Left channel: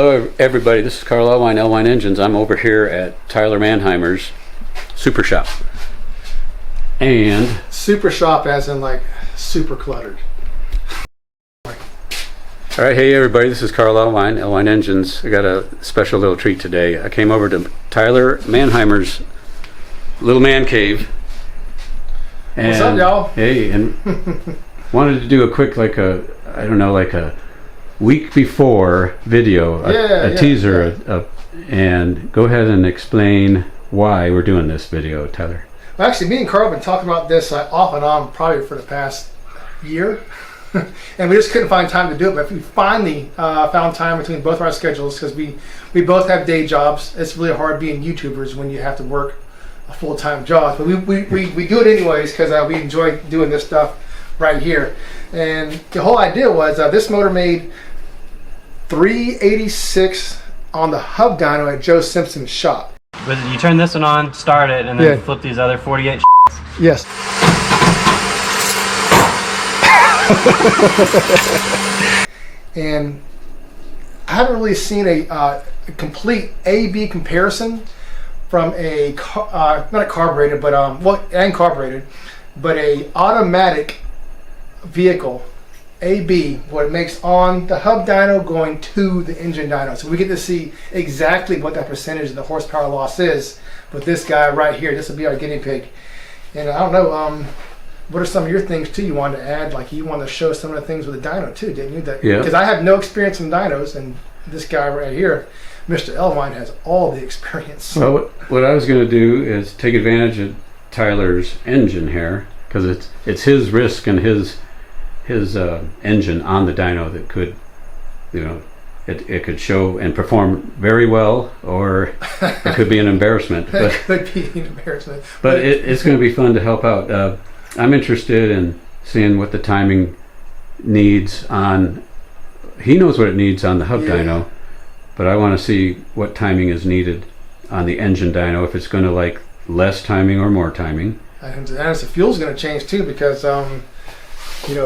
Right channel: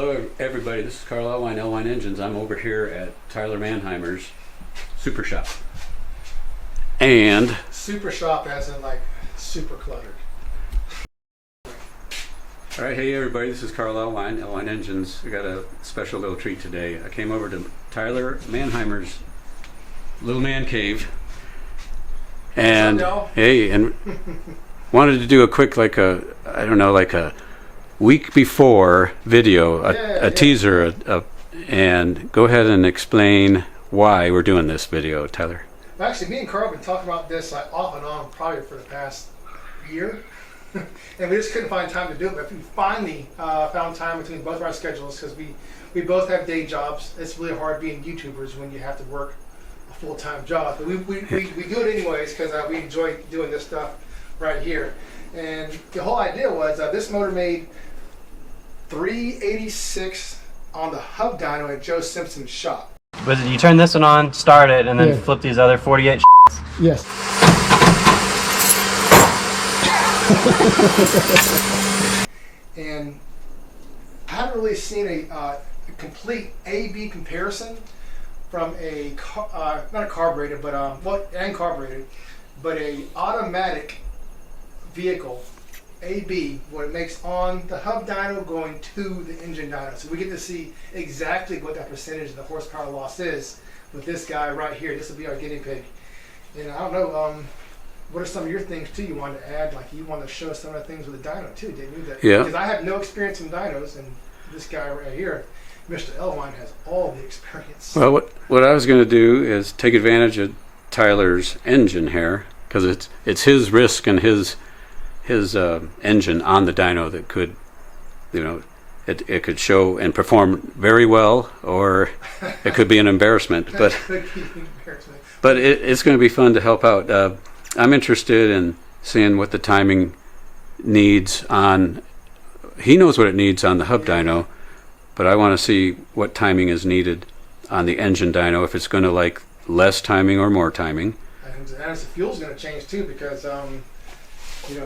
Hello everybody, this is Karl Elwine Engines. I'm over here at Tyler Mannheimer's Super Shop. And super shop as in like super cluttered. alright, hey everybody, this is Karl Elwine Engines. I got a special little treat today. I came over to Tyler Mannheimer's little man cave. And, what's up, y'all? Hey, and wanted to do a quick like a week before video, a teaser, and go ahead and explain why we're doing this video, Tyler. Well, actually, me and Karl have been talking about this off and on probably for the past year, and we just couldn't find time to do it. But we finally found time between both of our schedules because we both have day jobs. It's really hard being YouTubers when you have to work a full-time job. But we do it anyways because we enjoy doing this stuff right here. And the whole idea was this motor made 386 on the hub dyno at Joe Simpson's shop. But you turn this one on, start it, and then flip these other 48 Yes. And I haven't really seen a complete A-B comparison from a not a carbureted, but and carbureted, but a automatic vehicle. A-B, what it makes on the hub dyno going to the engine dyno. So we get to see exactly what that percentage of the horsepower loss is with this guy right here. This will be our guinea pig. And I don't know, what are some of your things too you wanted to add? Like you wanted to show some of the things with the dyno too, didn't you? That, yeah. Because I have no experience in dynos, and this guy right here, Mr. Elwine, has all the experience. Well, what I was going to do is take advantage of Tyler's engine here, because it's his risk and his engine on the dyno that could, it could show and perform very well, or it could be an embarrassment. But It could be an embarrassment. But it's going to be fun to help out. I'm interested in seeing what the timing needs on. He knows what it needs on the hub dyno, but I want to see what timing is needed on the engine dyno. If it's going to like less timing or more timing. And the fuel's going to change too, because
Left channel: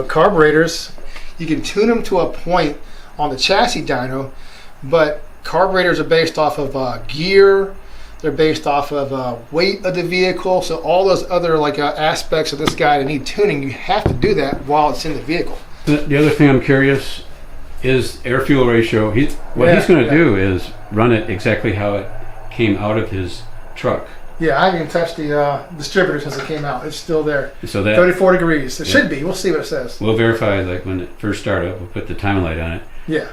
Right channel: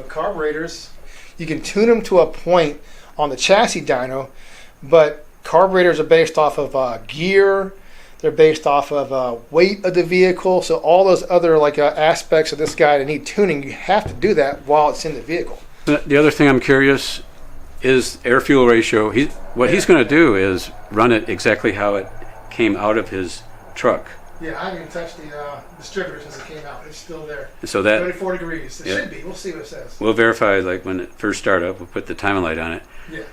carburetors, you can tune them to a point on the chassis dyno, but carburetors are based off of gear, they're based off of weight of the vehicle, so all those other aspects of this guy that need tuning, you have to do that while it's in the vehicle. The other thing I'm curious is air-fuel ratio. What he's going to do is run it exactly how it came out of his truck. Yeah, I haven't even touched the distributor since it came out. It's still there. So that 34 degrees. It should be. We'll see what it says. We'll verify like when it first started up. We'll put the timing light on it. Yeah.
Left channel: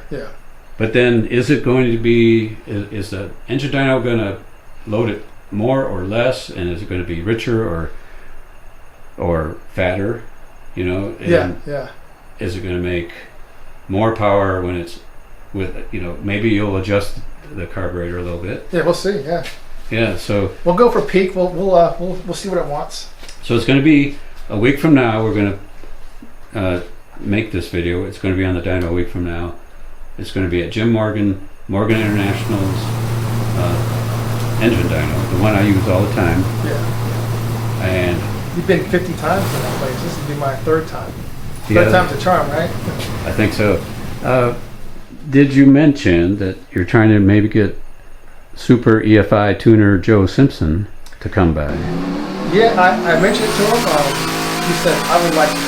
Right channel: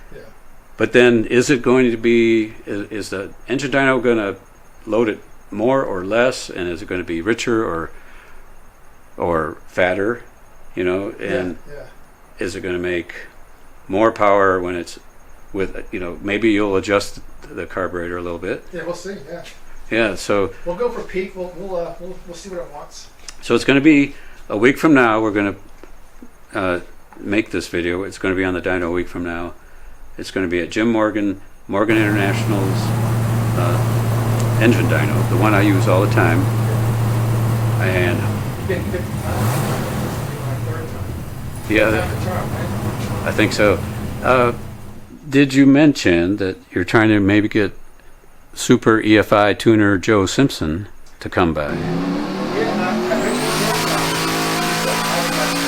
But then is it going to be, is the engine dyno going to load it more or less? And is it going to be richer or fatter? And is it going to make more power when it's with, maybe you'll adjust the carburetor a little bit. Yeah, we'll see. Yeah, so we'll go for peak. We'll see what it wants. So it's going to be a week from now. We're going to make this video. It's going to be on the dyno a week from now. It's going to be at Jim Morgan International's engine dyno, the one I use all the time. Yeah. And you've been 50 times. This will be my third time. Yeah. Third time's the charm, right? I think so. Did you mention that you're trying to maybe get Super EFI tuner Joe Simpson to come by? Yeah, I mentioned it to him. He said I would like to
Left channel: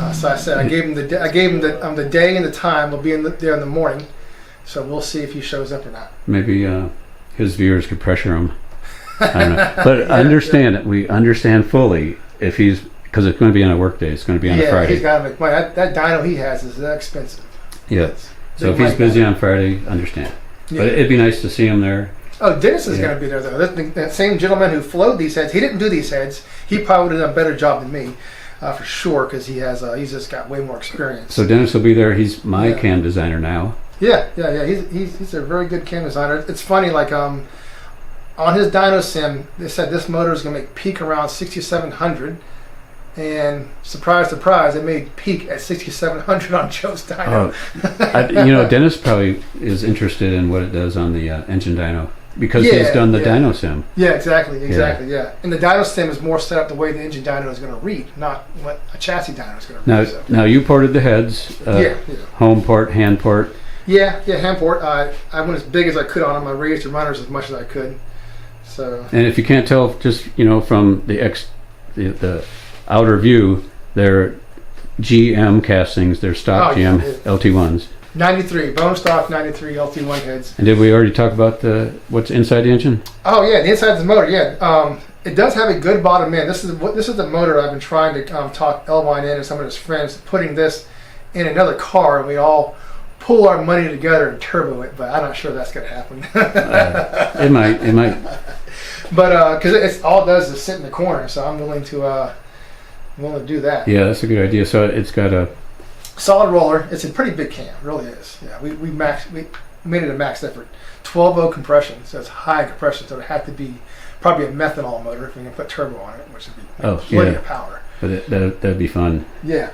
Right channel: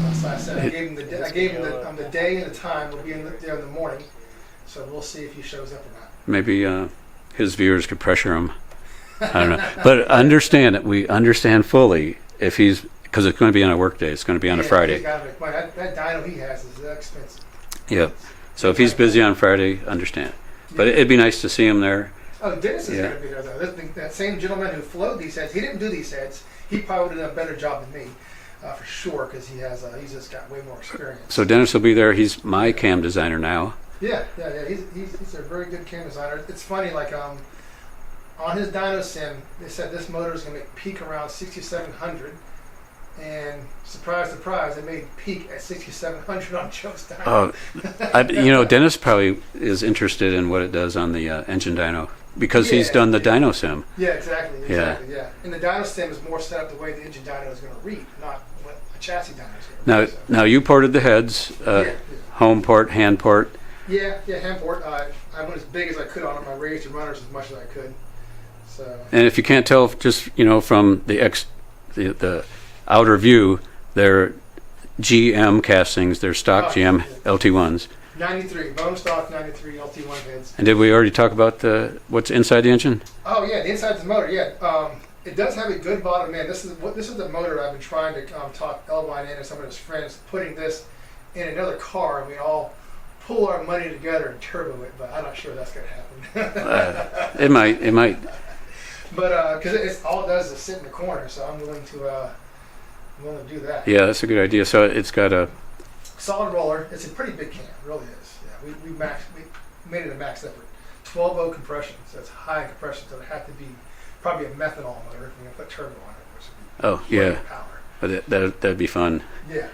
come. So I said I gave him the day and the time. We'll be there in the morning. So we'll see if he shows up or not. Maybe his viewers could pressure him. I don't know, but understand it. We understand fully if he's, because it's going to be on a work day. It's going to be on a Friday. He's got to make money. That dyno he has is that expensive. Yeah. So if he's busy on Friday, understand. Yeah. But it'd be nice to see him there. Oh, Dennis is going to be there though. That same gentleman who flowed these heads, he didn't do these heads. He probably would have done a better job than me, for sure, because he's just got way more experience. So Dennis will be there. He's my cam designer now. Yeah. He's a very good cam designer. It's funny, on his dyno sim, they said this motor is going to make peak around 6,700. And surprise, surprise, it made peak at 6,700 on Joe's dyno. Dennis probably is interested in what it does on the engine dyno because he's done the dyno sim. Yeah, exactly. Yeah. And the dyno sim is more set up the way the engine dyno is going to read, not what a chassis dyno is going to read. Now you ported the heads, home port, hand port. Yeah, hand port. I went as big as I could on them. I raised the runners as much as I could. So. And if you can't tell, just from the outer view, they're GM castings. They're stock GM LT1s. 93 bone stock 93 LT1 heads. And did we already talk about what's inside the engine? Oh yeah, the inside of the motor. Yeah, it does have a good bottom end. This is the motor I've been trying to talk Elvine in and some of his friends putting this in another car, and we all pull our money together and turbo it. But I'm not sure that's going to happen. It might. But because it's all it does is sit in the corner, so I'm willing to do that. Yeah, that's a good idea. So it's got a solid roller. It's a pretty big cam, it really is. Yeah, we made it a max effort. 12.0 compression, so it's high compression, so it had to be probably a methanol motor if we can put turbo on it, which would be plenty of power. But that'd be fun. Yeah.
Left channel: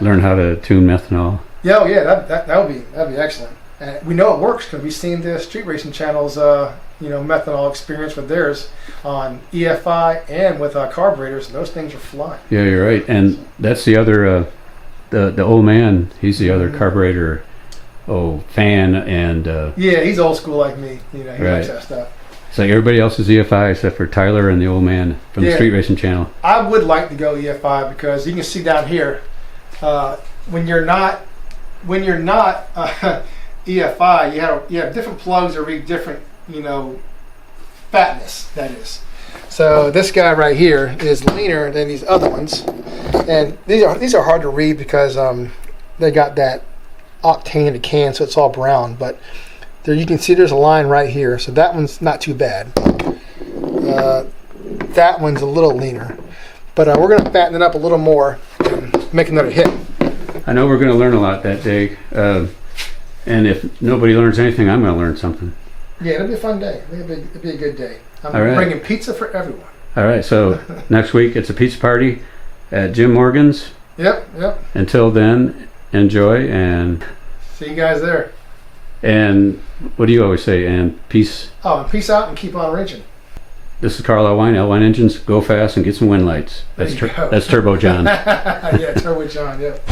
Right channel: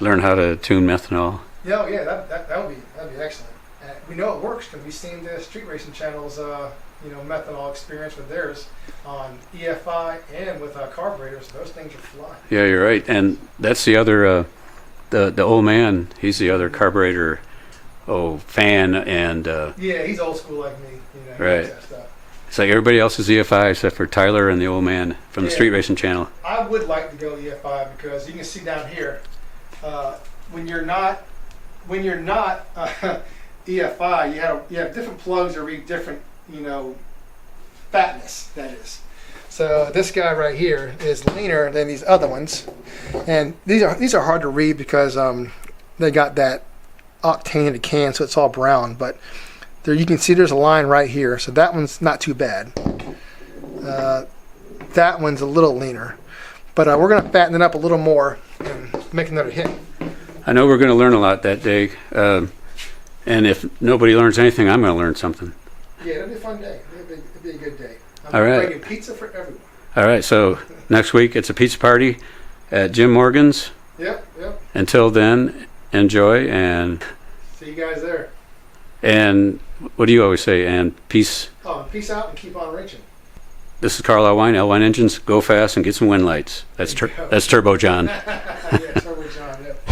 Learn how to tune methanol. Yeah, that'd be excellent. And we know it works because we've seen the street racing channels, methanol experience with theirs on EFI and with carburetors. Those things are flying. Yeah, you're right. And that's the other, the old man. He's the other carburetor, fan. And yeah, he's old school like me. He likes that stuff. It's like everybody else is EFI except for Tyler and the old man from the Street Racing Channel. I would like to go EFI because you can see down here, when you're not EFI, you have different plugs that read different, fatness, that is. So this guy right here is leaner than these other ones, and these are hard to read because they got that octane in the can, so it's all brown. But there you can see there's a line right here, so that one's not too bad. That one's a little leaner, but we're going to fatten it up a little more and make another hit. I know we're going to learn a lot that day, and if nobody learns anything, I'm going to learn something. Yeah, it'll be a fun day. It'll be a good day. I'm right. bringing pizza for everyone. All right, so next week it's a pizza party at Jim Morgan's. Yep. Until then, enjoy and see you guys there. And what do you always say? And peace. Oh, peace out and keep on raging. This is Karl Elwine Engines. Go fast and get some wind lights. That's Turbo John. Yeah, Turbo John. Yep.